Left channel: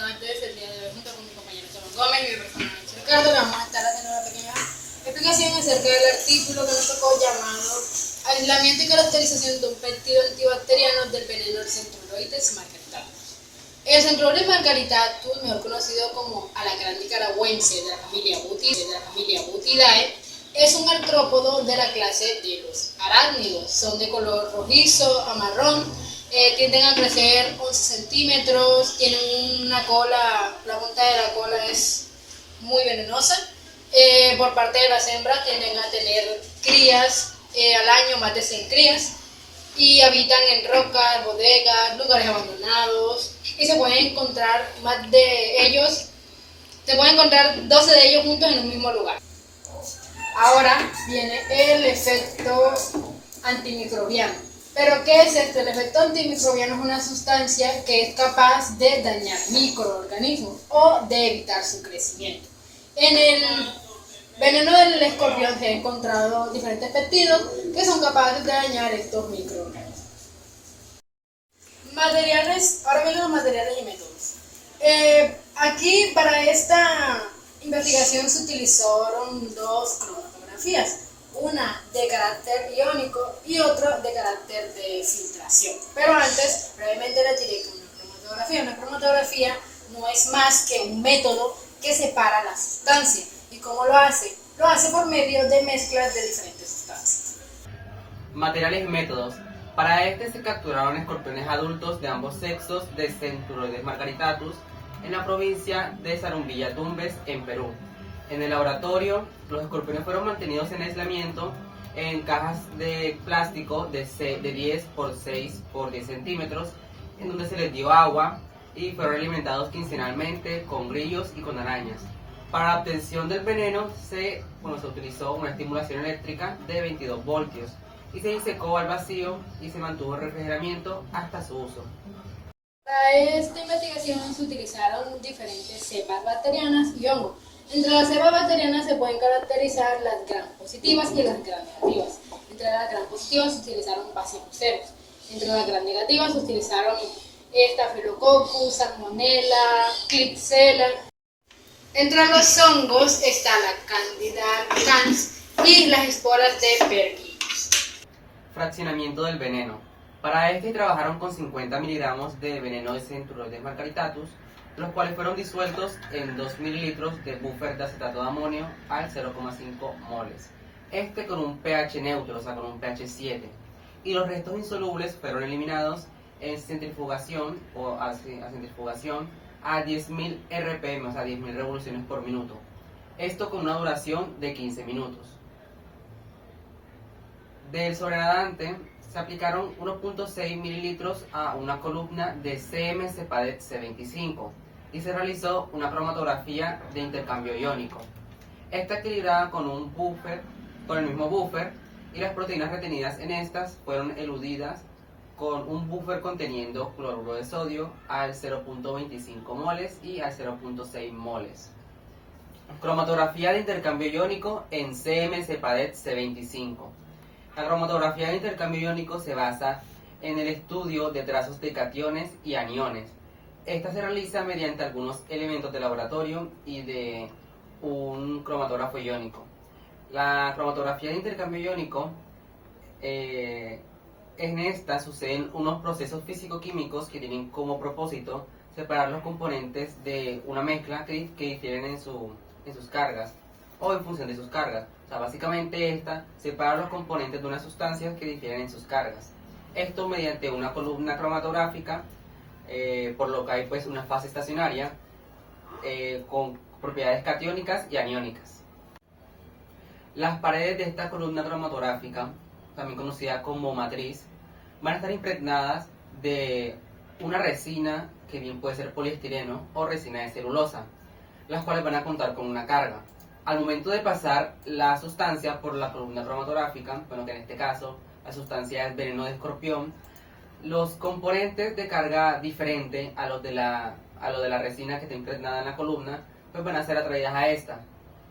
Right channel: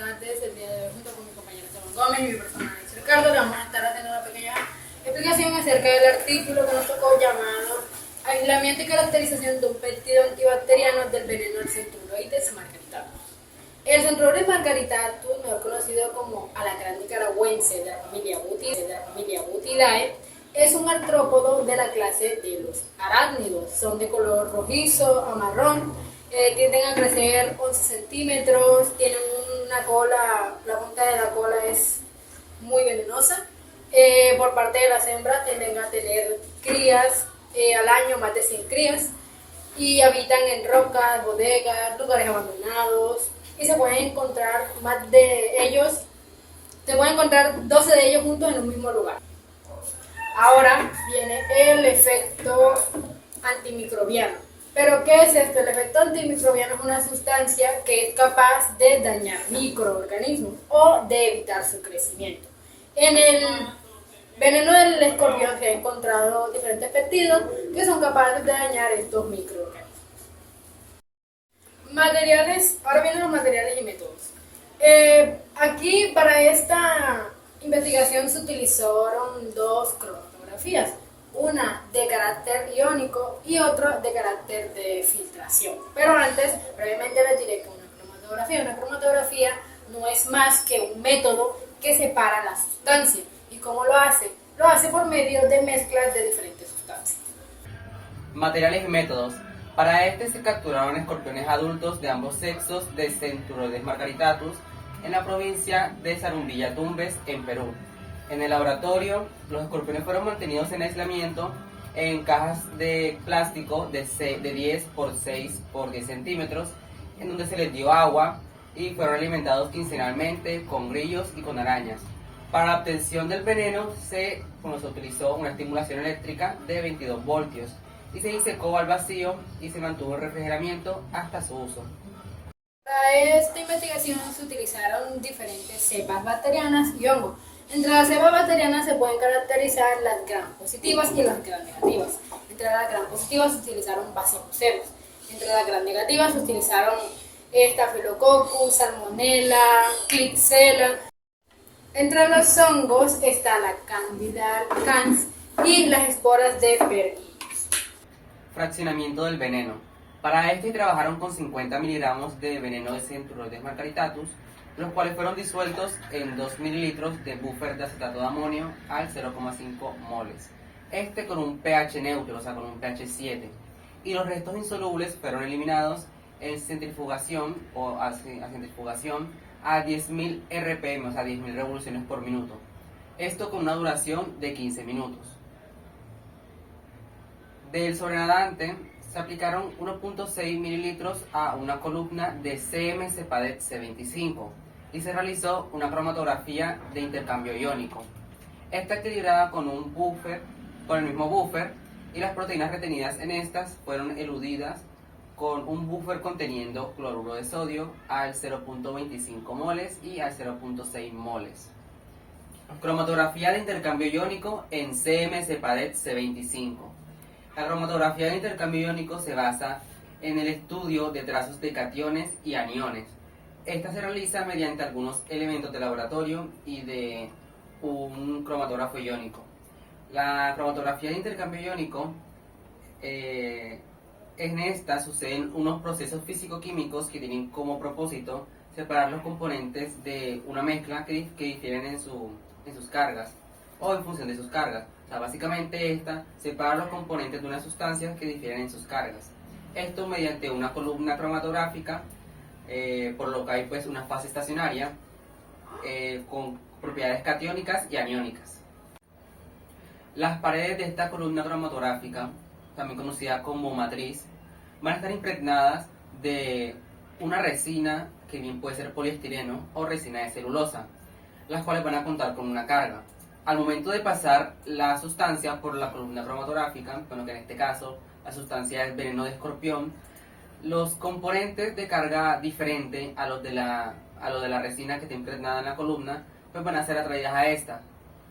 tardes. El día de hoy, junto con mi compañero Tomás Gómez y mi personal Ricardo, vamos a estar haciendo una pequeña explicación acerca del artículo que nos tocó llamado Aislamiento y caracterización de un péptido antibacteriano del veneno del Centruroides margaritatus. El Centruroides margaritatus, mejor conocido como alacrán nicaragüense de la familia Buthidae, es un artrópodo de la clase de los arácnidos. Son de color rojizo a marrón, tienden a crecer 11 centímetros, tienen una cola, la punta de la cola es muy venenosa. Por parte de las hembras tienden a tener crías al año, más de 100 crías, y habitan en rocas, bodegas, lugares abandonados, y se pueden encontrar 12 de ellos juntos en un mismo lugar. Ahora viene el efecto antimicrobiano. ¿Pero qué es esto? El efecto antimicrobiano es una sustancia que es capaz de dañar microorganismos o de evitar su crecimiento. En el veneno del escorpión se han encontrado diferentes péptidos que son capaces de dañar estos microorganismos. Ahora vienen los materiales y métodos. Aquí para esta investigación se utilizaron dos cromatografías, una de carácter iónico y otra de carácter de filtración. Pero antes, brevemente les diré que una cromatografía no es más que un método que separa la sustancia. ¿Y cómo lo hace? Lo hace por medio de mezclas de diferentes sustancias. Materiales y métodos. Para este se capturaron escorpiones adultos de ambos sexos de Centruroides margaritatus en la provincia de Sarumbilla Tumbes, en Perú. En el laboratorio, los escorpiones fueron mantenidos en aislamiento en cajas de plástico de 10 por 6 por 10 centímetros, en donde se les dio agua y fueron alimentados quincenalmente con grillos y con arañas. Para la obtención del veneno se utilizó una estimulación eléctrica de 22 voltios y se disecó al vacío y se mantuvo en refrigeramiento hasta su uso. Para esta investigación se utilizaron diferentes cepas bacterianas y hongos. Entre las cepas bacterianas se pueden caracterizar las gram positivas y las gram negativas. Entre las gram positivas se utilizaron baciloceros. Entre las gram negativas se utilizaron Staphylococcus, Salmonella, Klebsiella. Entre los hongos está la Candida albicans y las esporas de Pergillus. Fraccionamiento del veneno. Para este trabajaron con 50 miligramos de veneno de Centruroides margaritatus, los cuales fueron disueltos en 2 mililitros de buffer de acetato de amonio al 0,5 moles. Con un pH neutro, o sea, con un pH 7. Y los restos insolubles fueron eliminados en centrifugación a 10.000 RPM, o sea, 10.000 revoluciones por minuto. Esto con una duración de 15 minutos. Del sobrenadante se aplicaron 1.6 mililitros a una columna de CM-Cepadet C25 y se realizó una cromatografía de intercambio iónico. Esta equilibrada con el mismo buffer, y las proteínas retenidas en estas fueron eludidas con un buffer conteniendo cloruro de sodio al 0.25 moles y al 0.6 moles. Cromatografía de intercambio iónico en CM-Cepadet C25. La cromatografía de intercambio iónico se basa en el estudio de trazos de cationes y aniones. Esta se realiza mediante algunos elementos de laboratorio y de un cromatógrafo iónico. La cromatografía de intercambio iónico, en esta suceden unos procesos físico-químicos que tienen como propósito separar los componentes de una mezcla que difieren en sus cargas o en función de sus cargas. O sea, básicamente esta separa los componentes de unas sustancias que difieren en sus cargas. Esto mediante una columna cromatográfica, por lo que hay pues una fase estacionaria con propiedades catiónicas y aniónicas. Las paredes de esta columna cromatográfica, también conocida como matriz, van a estar impregnadas de una resina que bien puede ser poliestireno o resina de celulosa, las cuales van a contar con una carga. Al momento de pasar la sustancia por la columna cromatográfica, bueno, que en este caso la sustancia es veneno de escorpión, los componentes de carga diferente a los de la resina que está impregnada en la columna, pues van a ser atraídas a esta.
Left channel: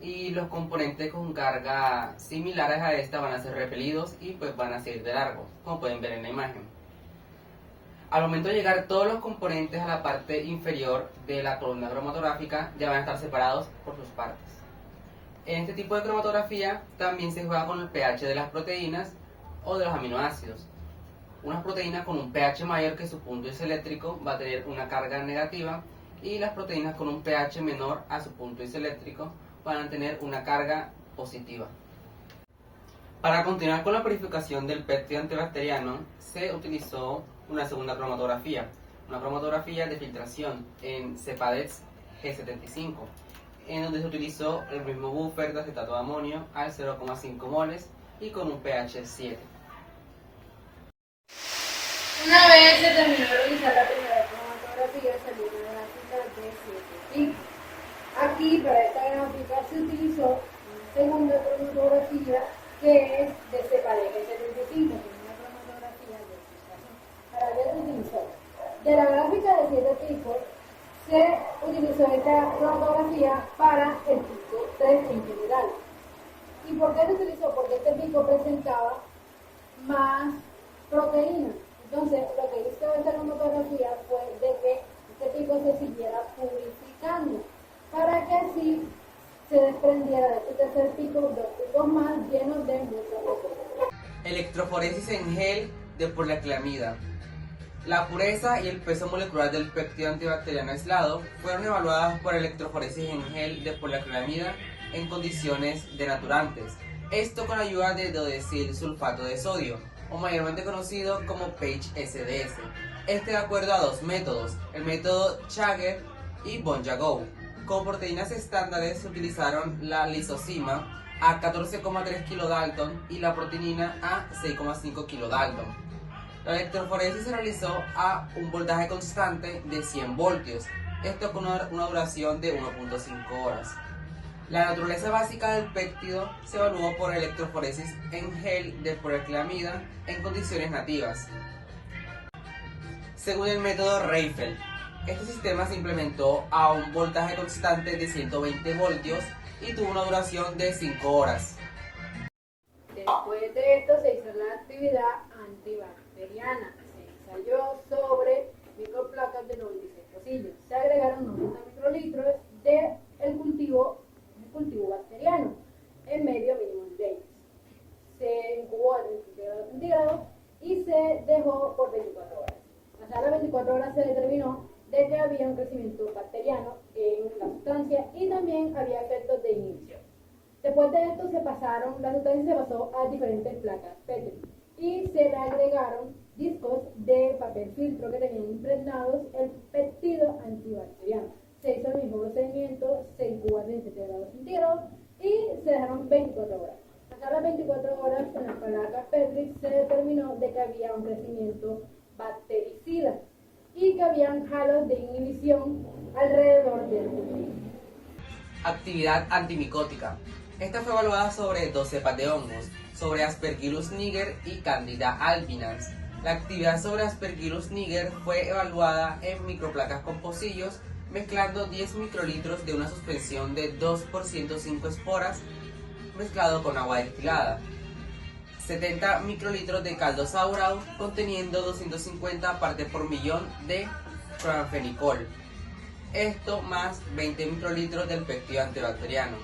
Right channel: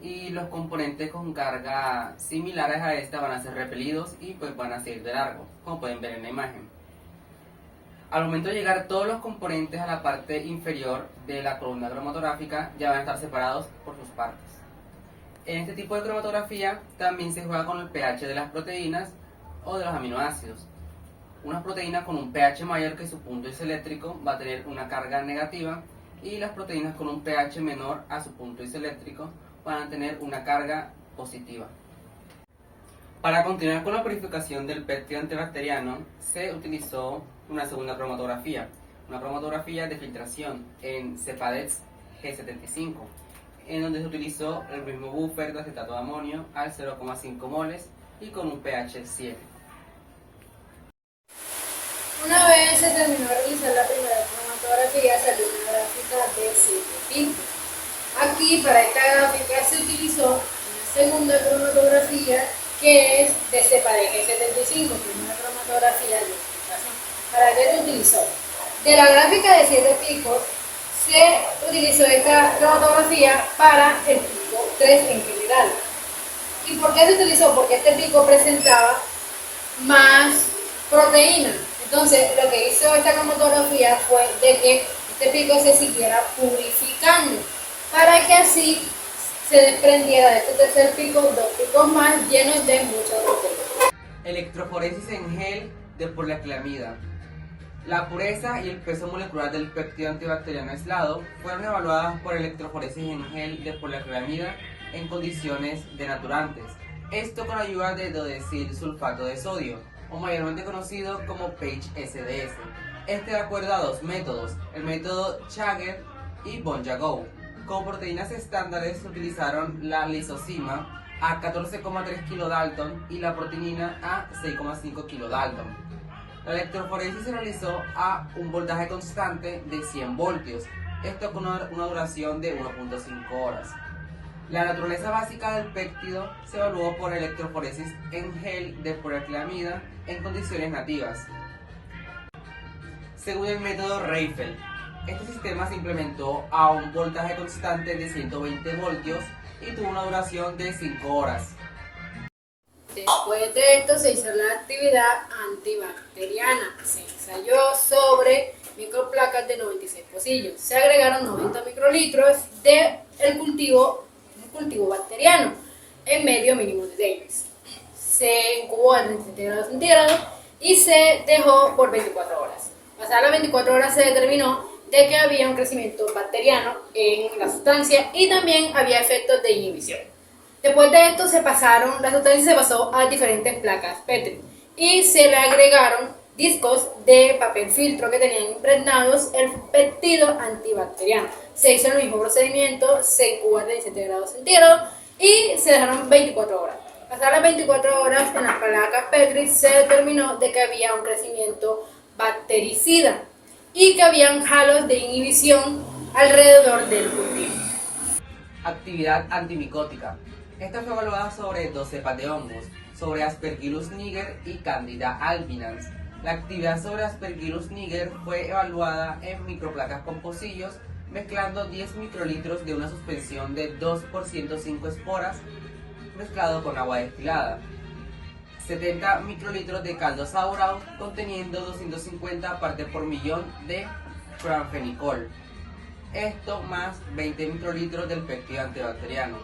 Y los componentes con carga similares a esta van a ser repelidos y pues van a seguir de largo, como pueden ver en la imagen. Al momento de llegar todos los componentes a la parte inferior de la columna cromatográfica ya van a estar separados por sus partes. En este tipo de cromatografía también se juega con el pH de las proteínas o de los aminoácidos. Una proteína con un pH mayor que su punto isoeléctrico va a tener una carga negativa y las proteínas con un pH menor a su punto isoeléctrico van a tener una carga positiva. Para continuar con la purificación del péptido antibacteriano se utilizó una segunda cromatografía, una cromatografía de filtración en Cepadex G75, en donde se utilizó el mismo buffer de acetato de amonio al 0,5 moles y con un pH 7. Una vez se terminó de realizar la primera cromatografía, salió una gráfica de 7 picos. Aquí, para esta gráfica, se utilizó una segunda cromatografía que es de Cepadex G75, que es una cromatografía de filtración. ¿Para qué se utilizó? De la gráfica de 7 picos, se utilizó esta cromatografía para el pico 3 en general. ¿Y por qué se utilizó? Porque este pico presentaba más proteína. Entonces, lo que hizo esta cromatografía fue de que este pico se siguiera purificando, para que así se desprendiera de este tercer pico 2 picos más llenos de mucha proteína. Electroforesis en gel de poliacrilamida. La pureza y el peso molecular del péptido antibacteriano aislado fueron evaluadas por electroforesis en gel de poliacrilamida en condiciones denaturantes. Esto con ayuda de dodesil sulfato de sodio, o mayormente conocido como PAGE-SDS. De acuerdo a dos métodos, el método Chager y Bon-Jagow. Como proteínas estándares se utilizaron la lisozima a 14,3 kilodalton y la proteinina a 6,5 kilodalton. La electroforesis se realizó a un voltaje constante de 100 voltios, esto con una duración de 1.5 horas. La naturaleza básica del péptido se evaluó por electroforesis en gel de poliacrilamida en condiciones nativas, según el método Reiffel. Este sistema se implementó a un voltaje constante de 120 voltios y tuvo una duración de 5 horas. Después de esto se hizo la actividad antibacteriana. Se ensayó sobre microplacas de 96 pocillos. Se agregaron 90 microlitros de un cultivo bacteriano en medio mínimo de Davis. Se incubó a 37 grados centígrados y se dejó por 24 horas. Pasadas las 24 horas se determinó de que había un crecimiento bacteriano en la sustancia y también había efectos de inhibición. Después de esto la sustancia se pasó a diferentes placas Petri y se le agregaron discos de papel filtro que tenían impregnados el péptido antibacteriano. Se hizo el mismo procedimiento, se incubó a 17 grados centígrados y se dejaron 24 horas. Pasadas las 24 horas en las placas Petri se determinó de que había un crecimiento bactericida y que habían halos de inhibición alrededor del cultivo. Actividad antimicótica. Esta fue evaluada sobre 2 cepas de hongos, sobre Aspergillus niger y Candida albinans. La actividad sobre Aspergillus niger fue evaluada en microplacas con pocillos, mezclando 10 microlitros de una suspensión de 2 por 105 esporas mezclado con agua destilada, 70 microlitros de caldo saurau conteniendo 250 partes por millón de cloranfenicol, esto más 20 microlitros del péptido antibacteriano.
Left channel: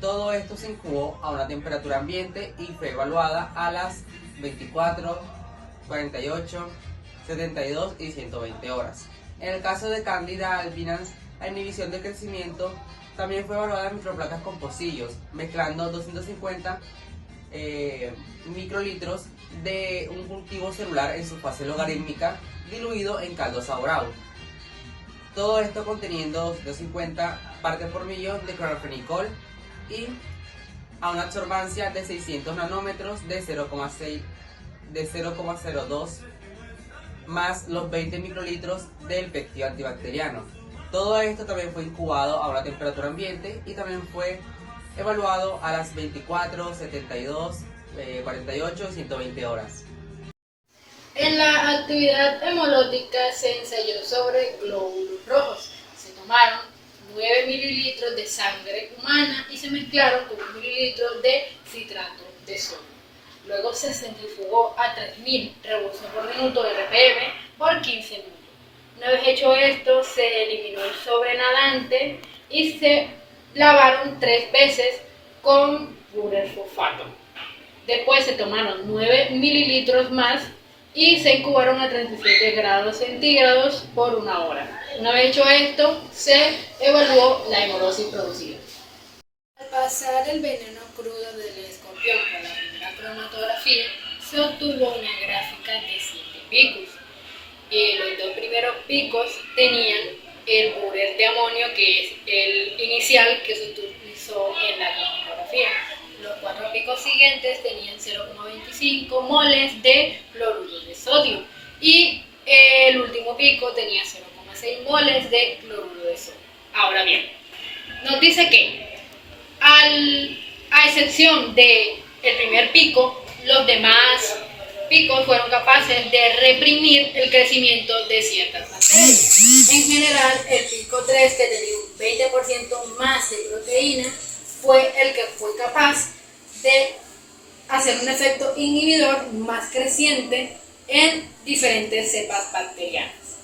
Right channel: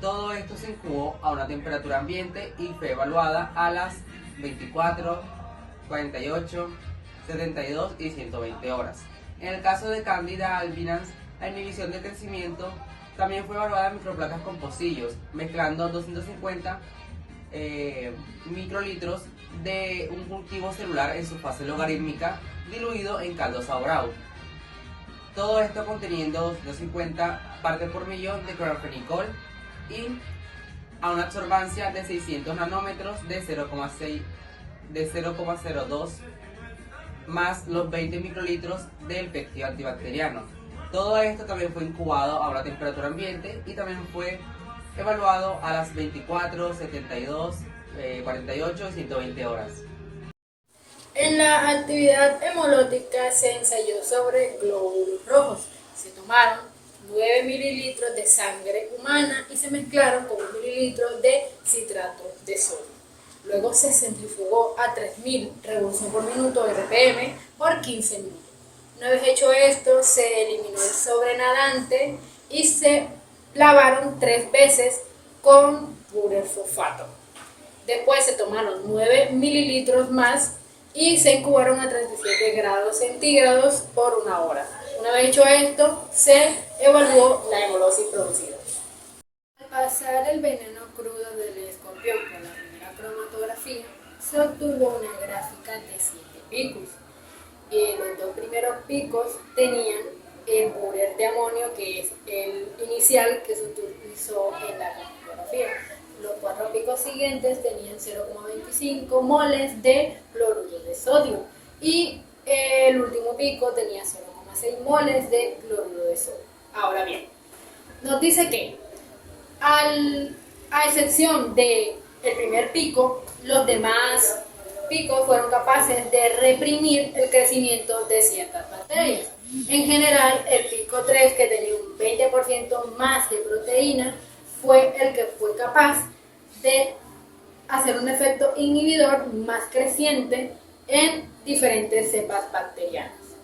Todo esto se incubó a una temperatura ambiente y fue evaluada a las 24, 48, 72 y 120 horas. En el caso de Candida albinans, la inhibición de crecimiento también fue evaluada en microplacas con pocillos, mezclando 250 microlitros de un cultivo celular en su fase logarítmica diluido en caldo saurau. Todo esto conteniendo 250 partes por millón de cloranfenicol y a una absorbancia de 600 nanómetros de 0,02 más los 20 microlitros del péptido antibacteriano. Todo esto también fue incubado a una temperatura ambiente y también fue evaluado a las 24, 72, 48 y 120 horas. En la actividad hemológica se ensayó sobre glóbulos rojos. Se tomaron 9 mililitros de sangre humana y se mezclaron con 1 mililitro de citrato de sodio. Luego se centrifugó a 3000 revoluciones por minuto RPM por 15 minutos. Una vez hecho esto, se eliminó el sobrenadante y se lavaron 3 veces con Burel sulfato. Después se tomaron 9 mililitros más y se incubaron a 37 grados centígrados por 1 hora. Una vez hecho esto, se evaluó la hemolosis producida. Al pasar el veneno crudo del escorpión por la primera cromatografía, se obtuvo una gráfica de 7 picos. Los 2 primeros picos tenían el burel de amonio, que es el inicial que se utilizó en la cromatografía. Los 4 picos siguientes tenían 0,25 moles de cloruro de sodio y el último pico tenía 0,6 moles de cloruro de sodio. Ahora bien, nos dice que a excepción del primer pico, los demás picos fueron capaces de reprimir el crecimiento de ciertas bacterias. En general, el pico 3, que tenía un 20% más de proteína, fue el que fue capaz de hacer un efecto inhibidor más creciente en diferentes cepas bacterianas.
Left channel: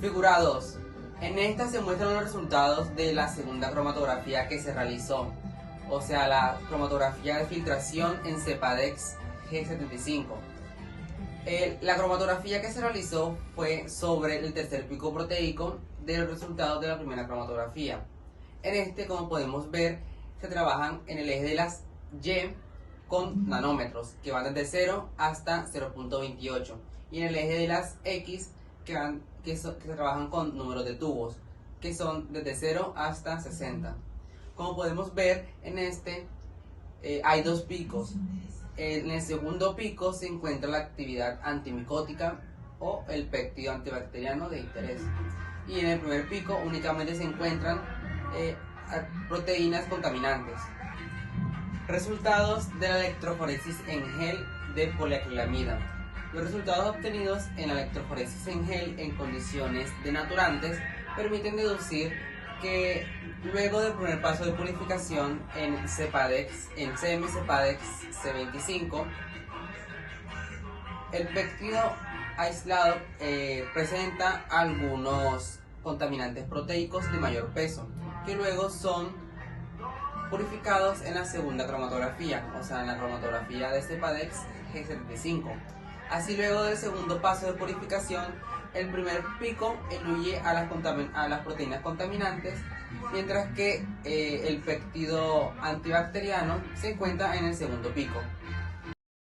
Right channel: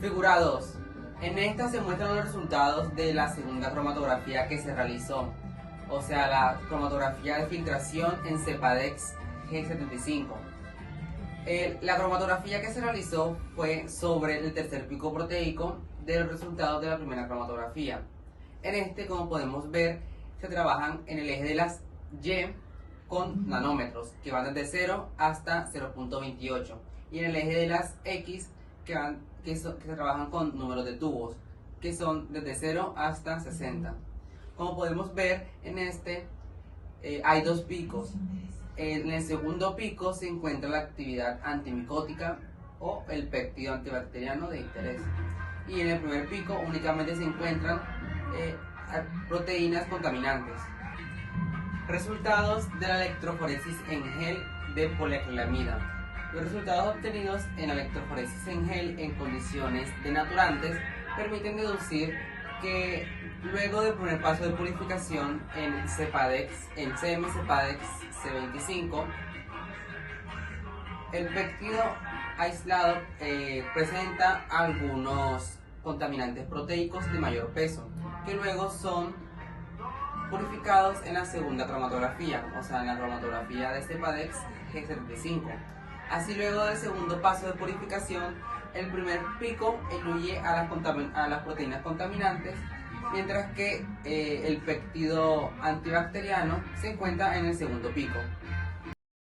Figura 2. En esta se muestran los resultados de la segunda cromatografía que se realizó, o sea, la cromatografía de filtración en Cepadex G75. La cromatografía que se realizó fue sobre el tercer pico proteico de los resultados de la primera cromatografía. En este, como podemos ver, se trabajan en el eje de las Y con nanómetros, que van desde 0 hasta 0.28, y en el eje de las X, que se trabajan con números de tubos, que son desde 0 hasta 60. Como podemos ver, en este hay 2 picos. En el segundo pico se encuentra la actividad antimicótica o el péptido antibacteriano de interés. Y en el primer pico únicamente se encuentran proteínas contaminantes. Resultados de la electroforesis en gel de poliacrilamida. Los resultados obtenidos en la electroforesis en gel en condiciones denaturantes permiten deducir que luego del primer paso de purificación en CM Cepadex C25, el péptido aislado presenta algunos contaminantes proteicos de mayor peso, que luego son purificados en la segunda cromatografía, o sea, en la cromatografía de Cepadex G75. Así, luego del segundo paso de purificación, el primer pico incluye a las proteínas contaminantes, mientras que el péptido antibacteriano se encuentra en el segundo pico.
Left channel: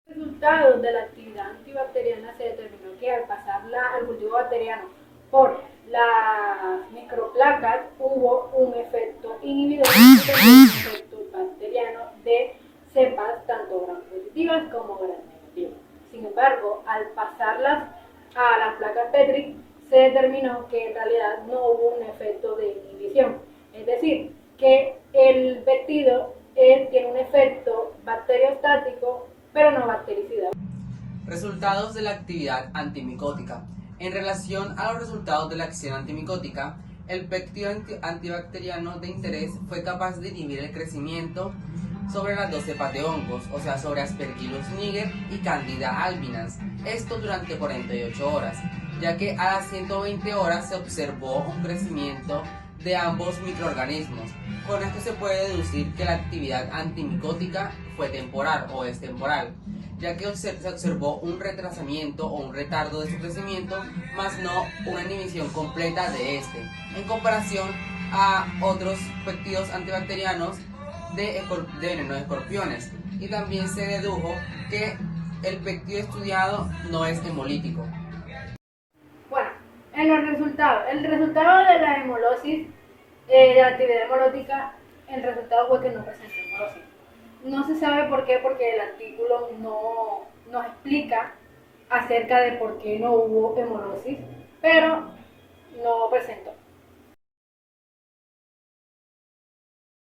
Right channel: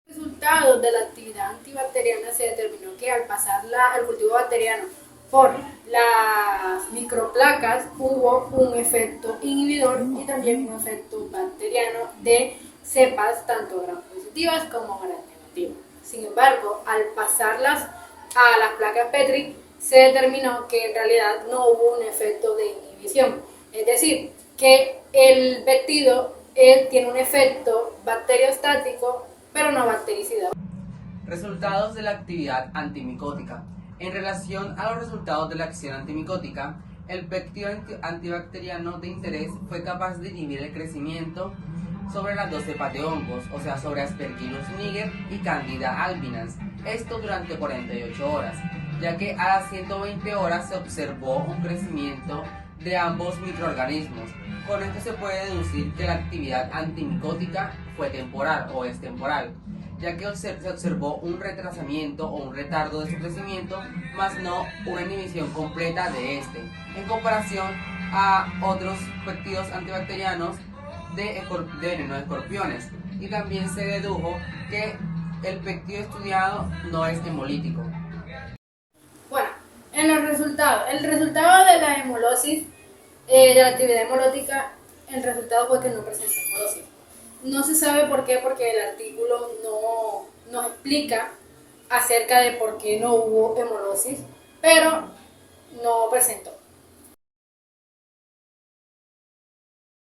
Los resultados de la actividad antibacteriana se determinó que al pasar el cultivo bacteriano por las microplacas hubo un efecto inhibidor y también un efecto bacteriano de cepas tanto gram positivas como gram negativas. Sin embargo, al pasarlas a las placas Petri, se determinó que en realidad no hubo un efecto de inhibición. Es decir, que el péptido tiene un efecto bacteriostático, pero no bactericida. Resultados de la actividad antimicótica. En relación a los resultados de la acción antimicótica, el péptido antibacteriano de interés fue capaz de inhibir el crecimiento sobre las 2 cepas de hongos, o sea, sobre Aspergillus niger y Candida albicans, esto durante 48 horas, ya que a las 120 horas se observó un crecimiento de ambos microorganismos. Con esto se puede deducir que la actividad antimicótica fue temporal o es temporal, ya que se observó un retrasamiento o un retardo de su crecimiento, más no una inhibición completa de este, en comparación a otros péptidos antibacterianos de veneno de escorpiones. Y también se dedujo que el péptido estudiado no es hemolítico. Bueno, en los resultados, el resultado de la hemolosis, de la actividad hemolótica, el resultado fue que no presentó hemolosis. No se sabe por qué, porque el artículo no nos explica acerca de por qué no hubo hemolosis, pero no presentó.